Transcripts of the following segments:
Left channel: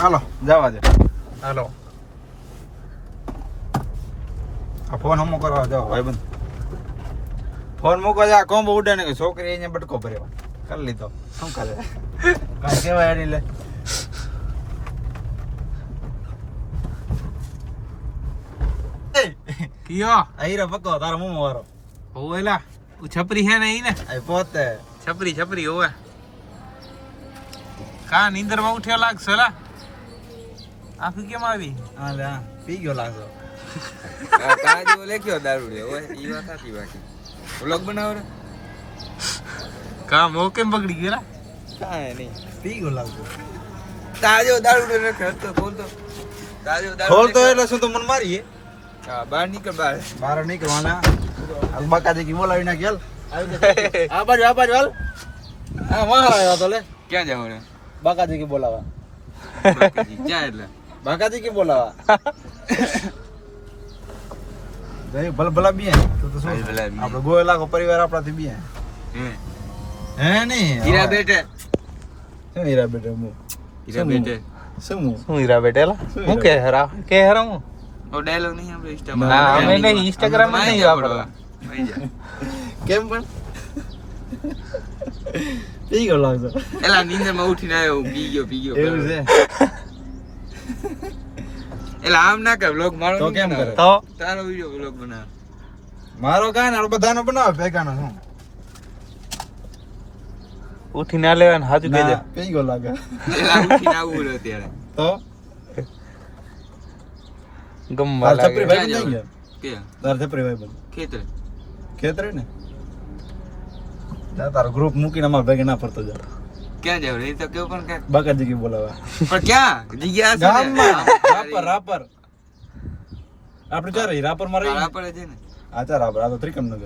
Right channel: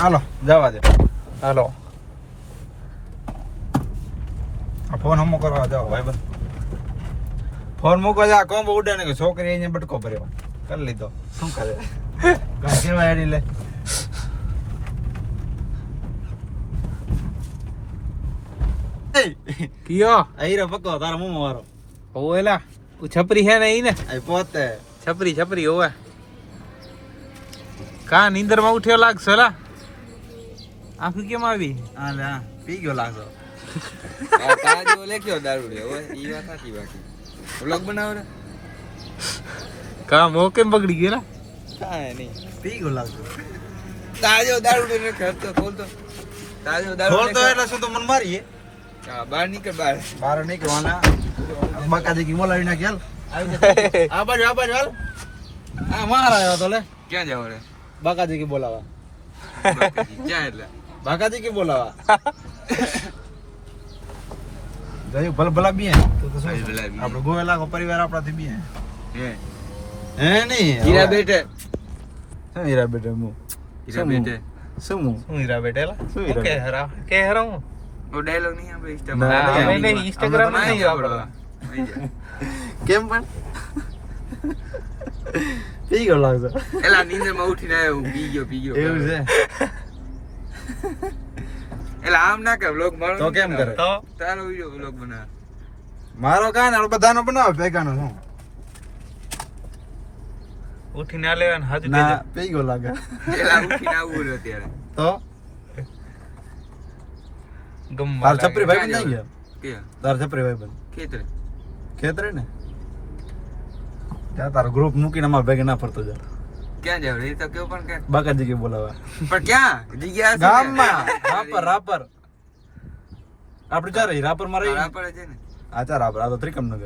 ચાલો જવા દે. હાલો આ ફોન હમો કરવા જાઓ ભાઈબંધ. ફોન મૂકવા જા કોમ્બો ઉડે ને કે છોકરી અહીંયા બટકો ભરેવા કરી લીધો. શું કરે કાંઈ કેવાય એડી લે. કિયો આઈરો પક્કો તારા મોમો વાળો. ઓલા છપરી હે ને ઈ ને એ પોતે છપરી હોવે કા નીંદર માં ઉઠ્યો લાગશે લા આખી કેમ આવી હા લે હા પી ગયો લાગો. તાજો લેખ્યો દારૂડિયો ઓય ઈ વાત સાચી બાકી વ્લોગ બનાવો રે કા મો કેમ બગડી ગયો લા કાંઈ નહીં પી ગયો લાગો. તાજો દારૂડિયો રખડતો ખોલતો તાજો ખોલતો એટલે શું તો મન મારીએ. હા બહાર નીકળ બહાર નીકળવાના બકાજી કી બોલાવી ના ગેલ. આ બાજુ હાલ. આ મારા આવ્યો તો લે ક્યાં જાવ રે બકાજી કી બોલાવા. ક્યાં એટલે બાકાજી કી બોલાવા. ગયું ભલા બી તો શું ભલા બી. આપણે ગોય લાખો પરિવાર આપણાથી બી હે હે નહીં હીરા બેટે શું હીરા બેટે હું હીરા બેટે શું શું હીરા બેટેલા હું કે હરા હું ઓ ડાયલોગ નહીં આપણે ઇન્સ્ટા ના અમે નહીં ઇન્સ્ટાગ્રામ માં નહીં વાપરતા કેમ પણ પી ગયો લાગતો એલા નીંદર માં ઉઠીને આવ્યો પી ગયો એવું છે. એલા આમ ના કર વ્લોગ મારો તો નહીં કેમ કરે? બનાવે. તો તારો વિડિયો વ્લોગ બનાવ મારો કાંઈ ના બધાનો બનાવે ભેગાનો શું ઉઠીને આ લેવાનું હાજુ કેજો ના, પી ગયો લાગે એલા ઉઠીને આવું રહ્યો ત્યારે તો ગમવા તાર છપરી લાગે ભાઈ નહીં ગયા કે તાર છપરી ભાઈ બંધ ખેતરે ખેતરે ને ત્યાં તારો ગ્રુપ મૂકીને અમારા ભેગે ના ફરતો જા. ક્યાં જાવ એ તો કેવું પણ કે બાકાજી કી બોલાવા પણ ક્યાં જગ્યા છે ને? ગામમાં રાપર આપણે ચાર રહી રાપર માં રહી આ પડે છે ને હા ચાર રાપર આ તો ત્રિકમનગર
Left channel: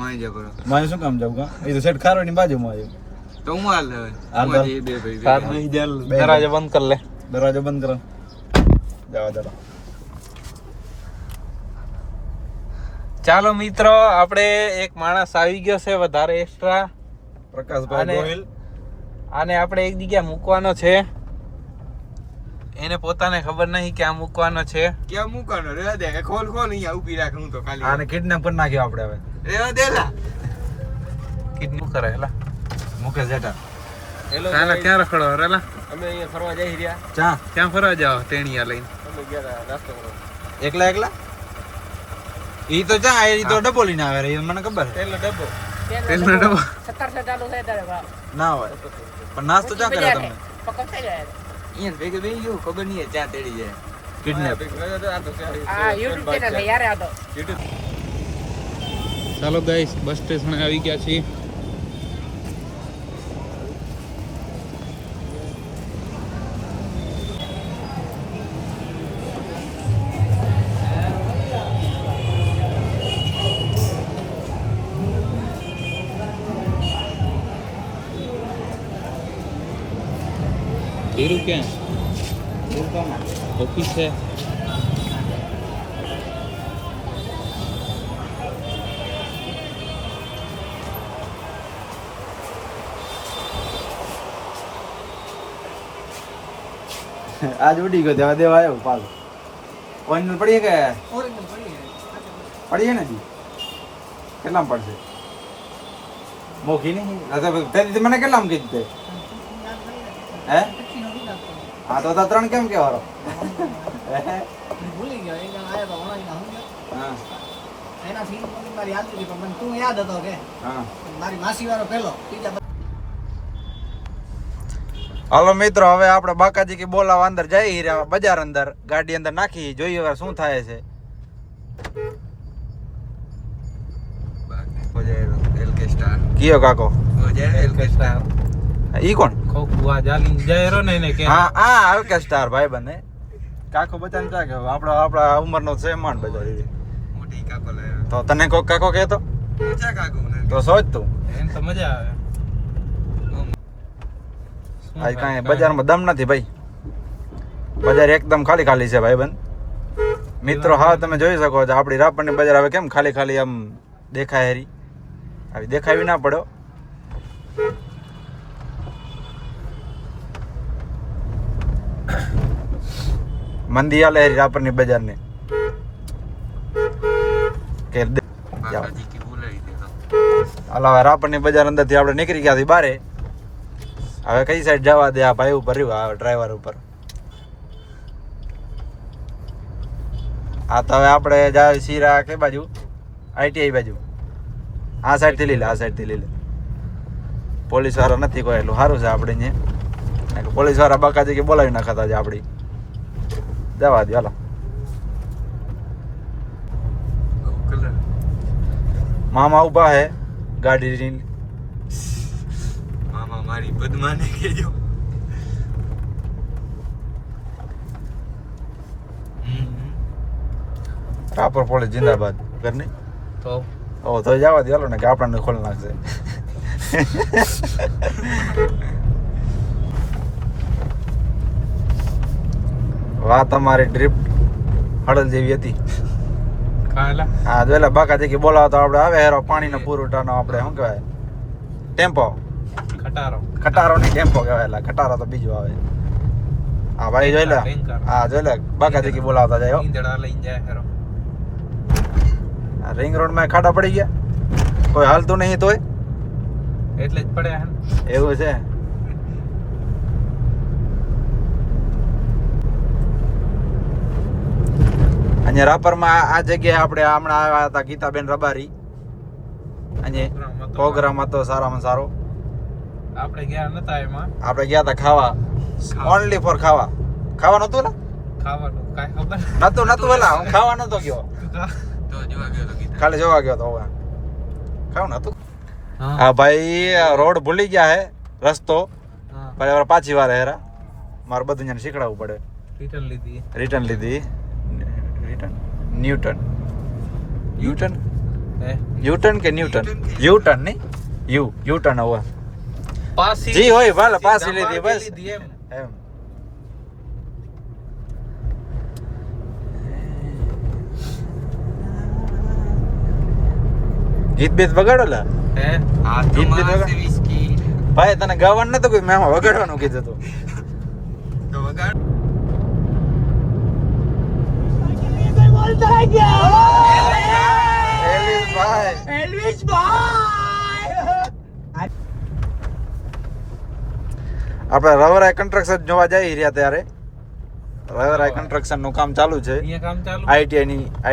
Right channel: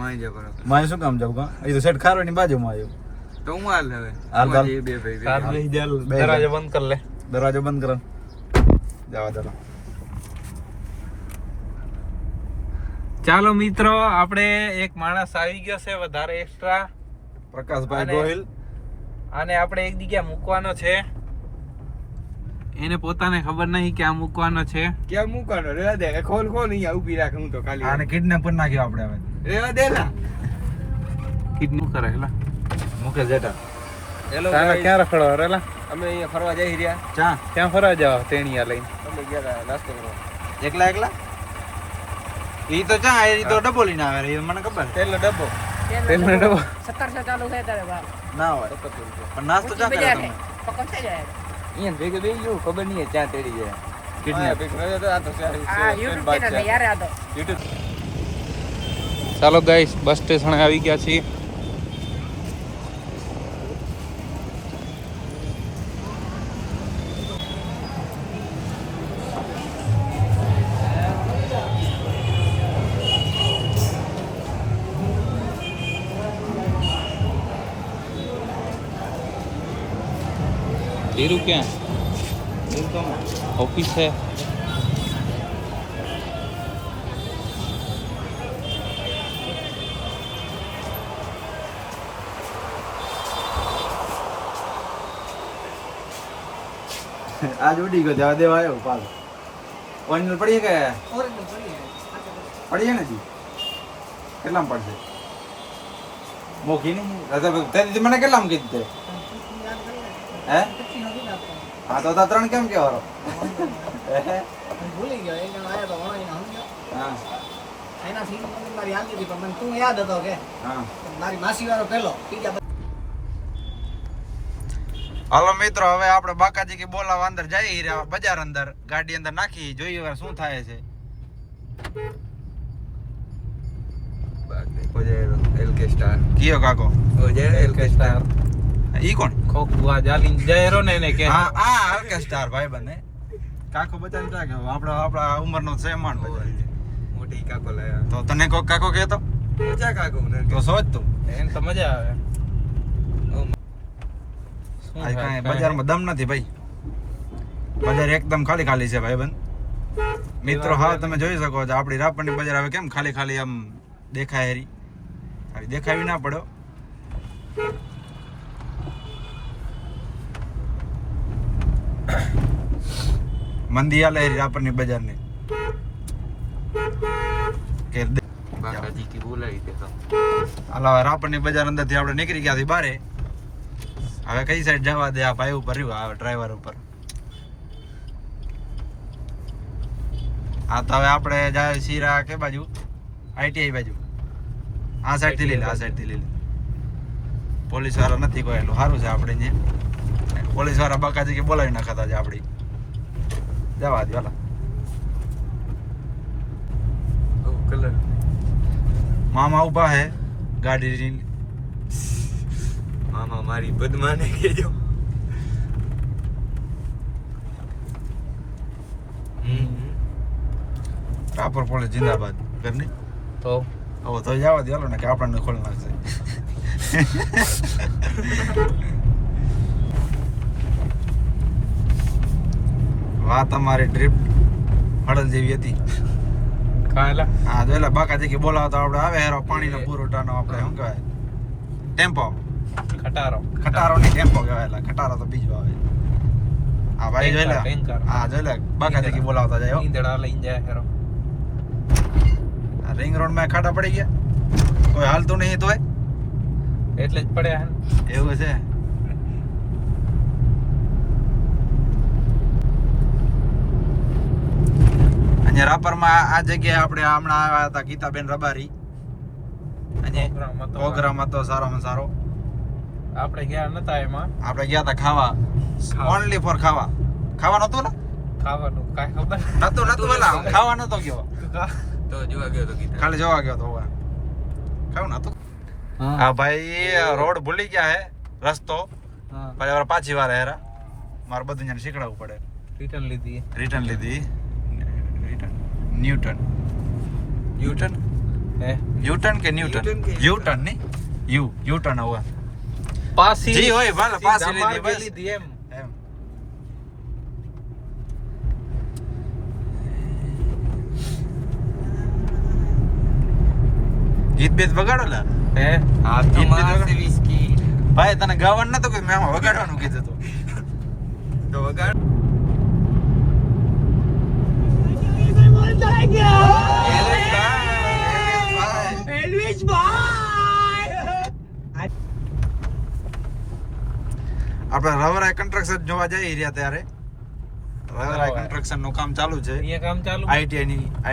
માઈ જા બરો મારે શું કામ જાવ કા એ તો સેટ ખારવાની બાજુમાં આવ્યું. તો હું હાલ લેવે હાલ તો. બે ભાઈ સાત નહીં જેલ દરવાજો બંધ કર લે દરવાજો બંધ કરો જવા દો. ચાલો મિત્રો આપણે એક માણસ આવી ગયો છે વધારે એક્સ્ટ્રા પ્રકાશભાઈ અને- ગોહિલ આને આપણે એક જગ્યા મૂકવાનો છે એને પોતાને ખબર નહીં ક્યાં મૂકવાનો છે ક્યાં મૂકવાનો રેવા દે ખોલ અહીંયા ઊભી રાખ હું તો ખાલી આને કિડનેપ કરી નાખ્યો આપણે હવે રેવા દે લા કિડની કરે હેલા મુકેશ જેઠા હેલો તારા ક્યાં રખડો રેલા અમે અહીંયા ફરવા જઈ રહ્યા ચા ક્યાં ફરવા જાવ ટેણિયા લઈને અમે ગયા નાસ્તો કરવા એકલા ઈ તો ચા ઈ તો ડબ્બો લઈને આવે રે એ મને ખબર છે. તેલનો ડબ્બો તેલનો ડબ્બો 1700 ચાલુ છે તારે બાપ ના હોય પણ નાસ્તો ચા કરે તમે પકડતા જાય અહીંયા ભેગા બેસી જવું ખબર નહીં ચા તેડી જાય કિડનેપ આ તો આ YouTube ચેનલ યાર આ તો યુટ્યુબ ચાલો ગાઈસ બસ સ્ટેશન આવી ગયા છીએ ધીરુ ક્યાં ઓફિસ છે આજ ઉડી ગયો દેવા દેવા આવ્યો પાલ ઓરિજિનલ પડીએ કે પડીએ નથી કેટલામાં પડશે મોખી નહીં તે મને કેટલામાં કીધું તે હે હા તો ત્રણ કેમ કેવારો ભૂલી ગયો એક જણ આયો તો વણાઈને સમજો હા એના સીન મને મારી યાદ હતી પણ મને તું યાદ હતો કે હા મારી માસી વાળો પહેલો ત્રીજા હાલો મિત્રો હવે આપણે બાકાજી કી બોલાવા અંદર જઈ રહ્યા બજાર અંદર ગાડી અંદર નાખી જોઈએ હવે શું થાય છે. એલકે સ્ટાર કયો કાકો એલકે સ્ટાર ઈ કોણ ખોખુઆ જાલીને જાયરો ને એને કે હા હા હલકે સ્ટાર ભાઈ બને કાકો બચાવ થાય કે આપણા ઉંમરનો છે માન બજાર મોટી કાકો લાયા તો તને કોક કાકો કહેતો મજા કાકો મને તો સોચ તું એમ તો મજા આવે આજ કાંઈ બજારમાં દમ નથી ભાઈ બજાર એકદમ ખાલી ખાલી છે ભાઈ બંધ મિત્રો હા તમે જોઈ શકો છો આપણી રાપરની બજાર હવે કેમ ખાલી ખાલી આમ દેખાય હેરી આવી દેખાવી ના પડ્યો મંદી આલે હેરી રાપરની બજારને કે બાકાજી કી બોલાવી દે હા. હાલો હવે રાપરની બજાર અંદરથી આપણે નીકળી ગયા થી બારે. હવે કઈ સાઈડ જવા દે? આ ભાઈ ઉપર રહ્યું, આ ડ્રાઈવર ઉપર. આ તો હવે આપણે જાય શીરા કે બાજુ ITI બાજુ. આ સાઈડ થી લીધે, આ સાઈડ થી લીધે. પોલીસ વાળા નથી કોઈ, એટલું સારું છે આપણે અહીંયા. પોલીસ વાળા બાકાજી કે બોલાવી નાખતા છે આપણી. જવા દે હાલો. કલર મામા ઉભા હે ગાડી. મામા મારી પદ્માને કહેજો. રાપર પોલીસ જિંદાબાદ. ઘરની તો તો જવા દે હાલો ને, કે આપણને ખોલી નાખશે. વાહ, તમારી ટ્રીપ હળદ જેવી હતી. કાલા હા, જોયેલા બાકાજી કે બોલાવો તો આપણે આવે હેરો પાણીનો પુરવઠાનો આપણે શું કહેવાય ટેમ્પો. ખટારો ખટારો નહીં, ટેમ્પો કહેવાય. ખટારો તો બીજું આવે. હા ભાઈ જોયેલા. હા જોયેલા બાકાજી કે બોલાવતા જાય. ઈંધણા લઈને જાય ખરો. રિંગ રોડ માં ખાડા પડી ગયા, કોઈ હાલતું નહીં તોય એટલે જ પડ્યા હે. એવું છે. અહીંયા રાપરમાં આ જગ્યાએ આપણે હમણાં આવ્યા હતા ગીતાબેન રબારી. અહીંયા પ્રોગ્રામ હતો સારામાં સારો. આપણે ગયા નતા એમાં. આપણે ગયા હતા ખાવા, ઓનલી ફોર ખાવા. ખાવા નતું ને? ખાવાનું કાંઈ ખબર નતું પેલા ખાવા નતો ગયો, તો જોવા ગયો તો ગીતા. ખાલી જોવા ગયો તો. હવે ખાવું નતું. હા ભાઈ, રોડ ભૂલી ગયા હે, રસ્તો. પછી હવે પાછી વાર હેરા મારે બધું જને શીખડાવવું પડે. રિટર્ન લીધી. રિટર્ન લીધી. ન્યૂટન યુટર્ન હે યુટર્ન કે ન્યૂટન? યુટર્ન નહીં, યુટર્ન. હવે પાસી જી હોય ભલે પાછી લીધી બસ. એમ. એમ. ગીત બીત વગાડો લા. હે હા તો માસે વિસ્કી ભાઈ તને ગાવાનું નતું કોઈ, મેં વગાડવાનું કીધું તું. તો વગાડ. આપણે રવરાય કન્સ્ટ્રક્શન જોવા જઈ રહ્યા ત્યારે. રવરાય કન્સ્ટ્રક્શન નું કામ ચાલુ છે અહીંયા કામ ચાલુ.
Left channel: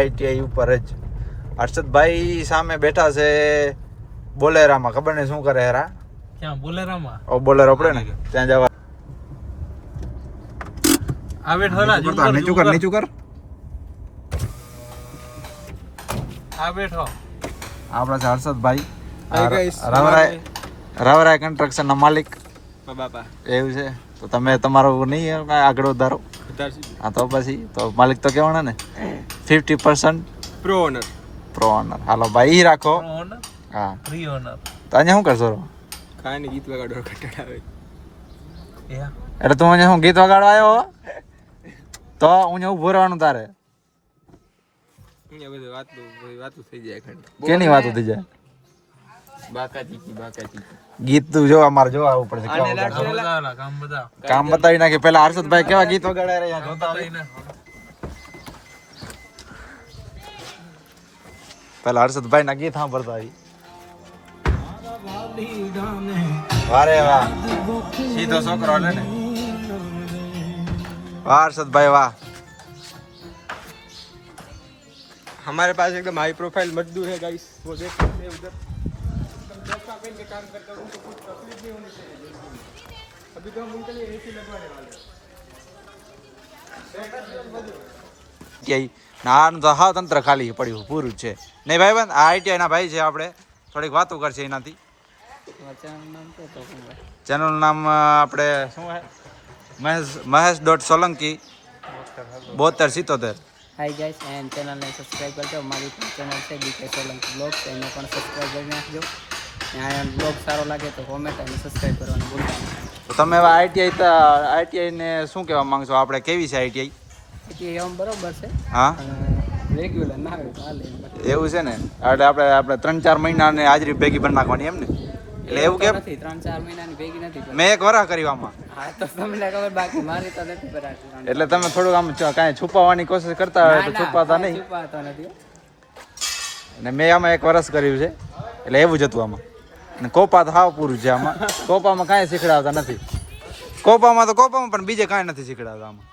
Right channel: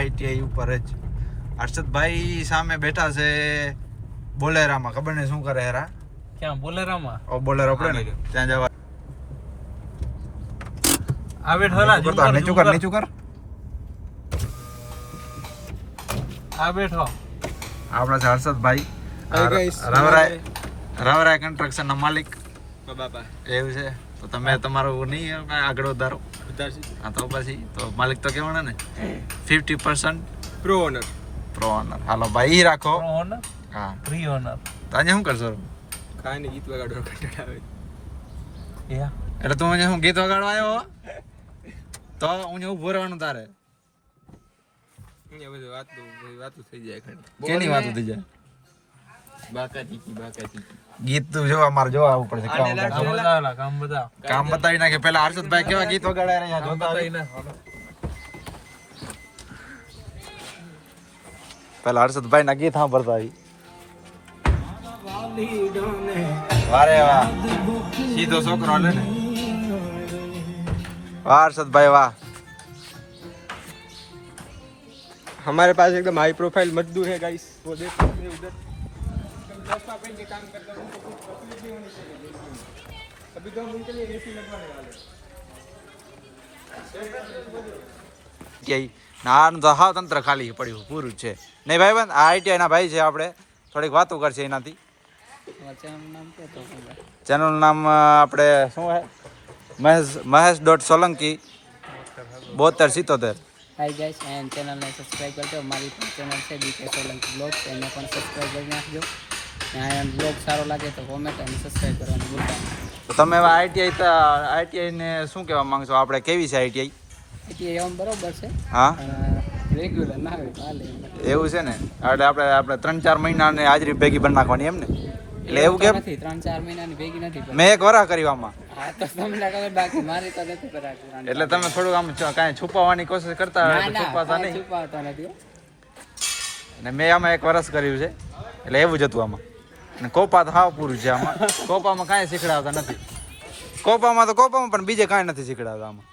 ITI ઉપર જ. હર્ષદભાઈ સામે બેઠા છે બોલેરામાં. ખબર નહીં શું કરે હેરા. ક્યાં બોલેરામાં? ઓ બોલેરો પડે ને ત્યાં જવા. આવે ઠોલા નીચું કર, નીચું કર. આ બેઠો. આપણા છે હર્ષદભાઈ, Hi guys. રવરાય કન્સ્ટ્રક્શન ના માલિક. બાપા એવું છે તો તમે તમારું નહીં આગળ વધારો. હા તો પછી તો માલિક તો કહેવાના ને. 50% પ્રો ઓનર. પ્રો ઓનર. હાલો ભાઈ રાખો. ઓનર હા ફ્રી ઓનર. તો અહીંયા શું કરશો? કાંઈ ગીત વગાડવા કંટાળ આવે. યા એટલે તું અહીંયા શું ગીત વગાડવા આવ્યો? તો અહીંયા ઉભું રહેવાનું તારે. અહીંયા બધું વાતું થઈ જાય ખંડ. કેની વાતો થઈ જાય? બાકાજી ગીત તું જો અમારે જોવા આવવું પડશે. કેવા કામ વગાડશો? બતાવેલા કામ બધા. કામ બતાવી નાખી. પેલા હર્ષદભાઈ કેવા ગીત વગાડ્યા રહ્યા જોતા આવી. પેલા હર્ષદભાઈ ના ગીત સાંભળતા આવી. વારે વાહ, સીધો છોકરો હાલે ને. વાહ હર્ષદભાઈ વાહ. हमारे पास एकदम हाई प्रोफाइल मजदूर है गाइस, वो देख सकते हैं उधर का पेन के काम करता है, उनको कुछ तकलीफ नहीं होनी चाहिए जिंदगी में. अभी तो हम उनके लिए एसी लगवाने वाले हैं. નાનું તો હાવ તંત્ર ખાલી પડ્યું પૂરું છે નહીં ભાઈ બંધ. આ ITI ના ભાઈ છે, આપણે થોડીક વાતો કરશે એનાથી. ચેનલનું નામ આપણે શું હે? મહેશ.સોલંકી 7277. હાય ગાઈસ, એન્ડ ચેનલને સબસ્ક્રાઈબ કરજો. મારી પણ ચેનલ છે BK સોલંકી બ્લોગ્સ, એને પણ સબસ્ક્રાઈબ કરી નાખજો. ત્યાં બ્લોગ સારો લાગે તો કોમેન્ટ અને સબસ્ક્રાઈબ કરવાનું ભૂલતા નહીં. તો તમે હવે ITI ને શું કહેવા માંગશો? આપણે કેવી છે ITI? એટલે એમ બરોબર છે, હા પણ રેગ્યુલર ના આવે તો હાલે એમ. એવું છે ને. એટલે આપણે 3-4 મહિનાની હાજરી ભેગી ભરી નાખવાની એમ ને. એટલે એવું કેમ? નથી 3-4 મહિનાની ભેગી નથી કરી. મેં એક વરસ કર્યું આમાં. હા તો તમને ખબર, બાકી મારી તો નથી કરાતી 3-4. એટલે તમે થોડુંક આમ કાંઈ છુપાવવાની કોશિશ કરતા હોય ના, તો ના, છુપાતા કાંઈ નહીં. છુપાવતો નથી હો. અને મેં આમાં એક વરસ કર્યું છે એટલે એવું જ હતું આમાં. અને કોપા તો હાવ પૂરું છે આમાં. કોપામાં કાંઈ શીખડાવતા નથી. કોપામાં પણ બીજે કાંઈ નથી શીખડાવતા આમાં.